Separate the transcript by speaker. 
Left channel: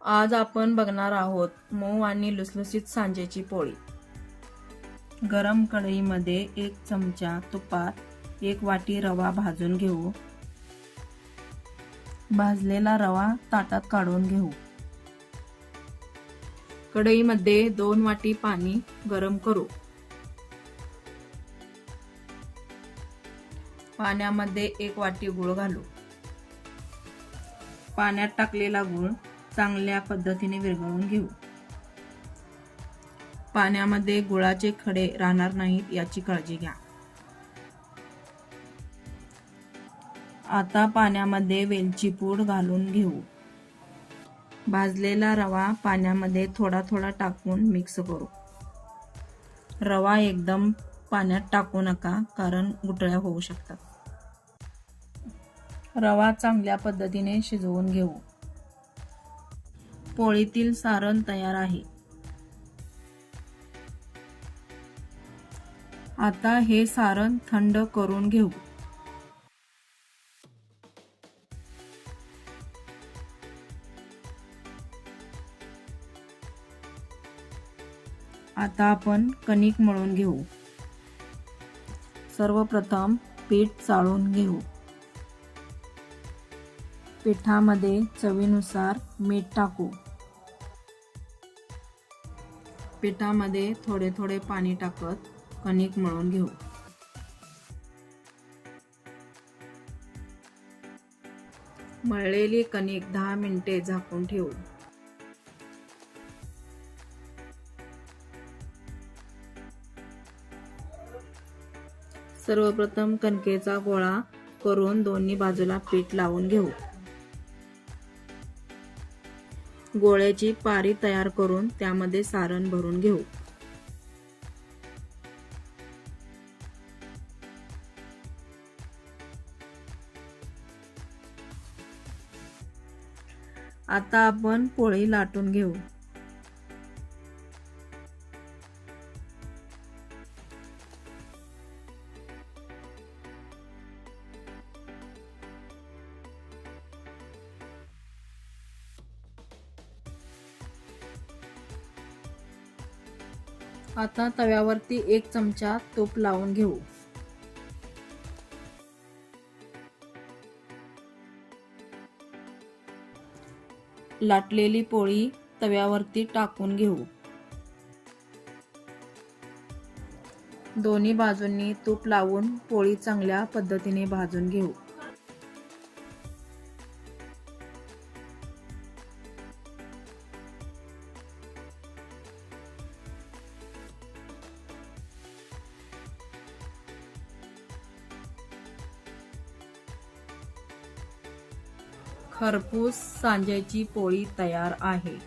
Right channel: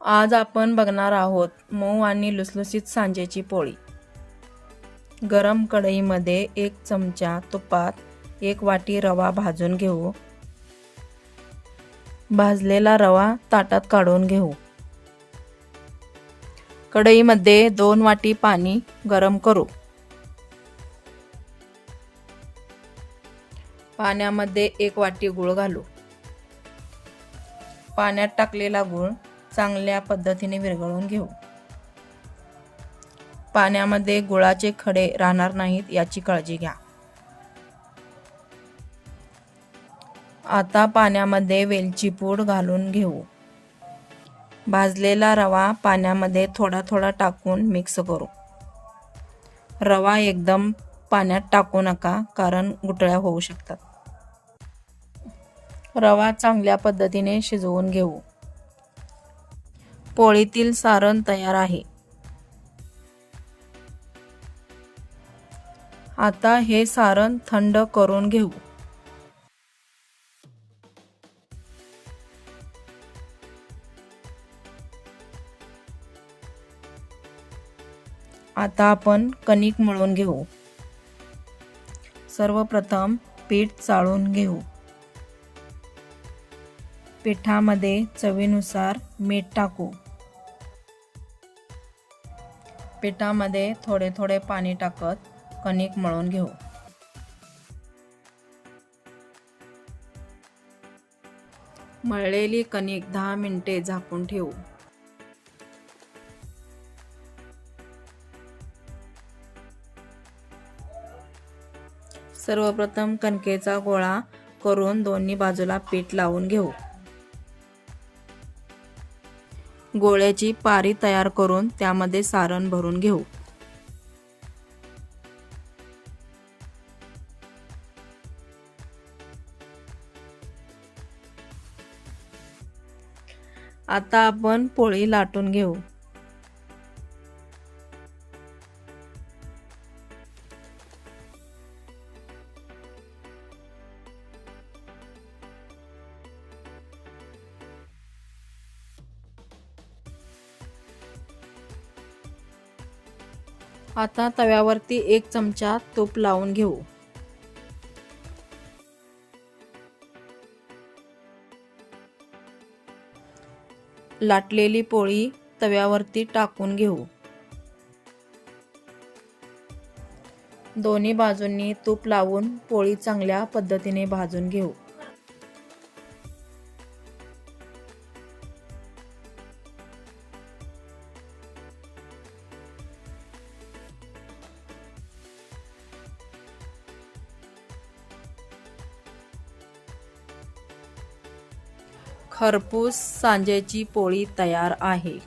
Speaker 1: आज आपण बघणार आहोत मऊ आणि लुसलुसीत सांजेची पोळी. गरम कढईमध्ये एक चमचा तुपात एक वाटी रवा भाजून घेऊ. भाजलेला रवा ताटात काढून घेऊ. कढईमध्ये दोन वाटी पाणी गरम करू. पाण्यामध्ये एक वाटी गूळ घालू. पाण्यात टाकलेला गूळ चांगल्या पद्धतीने विरघळून घेऊ. पाण्यामध्ये गुळाचे खडे राहणार नाहीत याची काळजी घ्या. आता पाण्यामध्ये वेलची पूड घालून घेऊ. भाजलेला रवा पाण्यामध्ये थोडा थोडा टाकून मिक्स करू. रवा एकदम पाण्यात टाकू नका कारण गुटळ्या होऊ शकतात. रवा चांगल्या पद्धतीने शिजवून घेऊ. पोळीतील सारण तयार आहे. आता हे सारण थंड करून घेऊ. आता आपण कणिक मळून घेऊ. सर्वप्रथम पीठ चाळून घेऊ. पिठामध्ये चवीनुसार मीठ टाकू. पिठामध्ये थोडे थोडे पाणी टाकत कणिक मळून घेऊ. मळलेली कणिक दहा मिनिटे झाकून ठेवू. सर्वप्रथम कणकेचा गोळा करून दोन्ही बाजूला पीठ लावून घेऊ. गोळ्याची पारी तयार करून त्यामध्ये सारण भरून घेऊ. आता आपण पोळी लाटून घेऊ. आता तव्यावरती एक चमचा तूप लावून घेऊ. लाटलेली पोळी तव्यावरती टाकून घेऊ. दोन्ही बाजूंनी तूप लावून पोळी चांगल्या पद्धतीने भाजून घेऊ. खरपूस सांज्याची पोळी तयार आहे.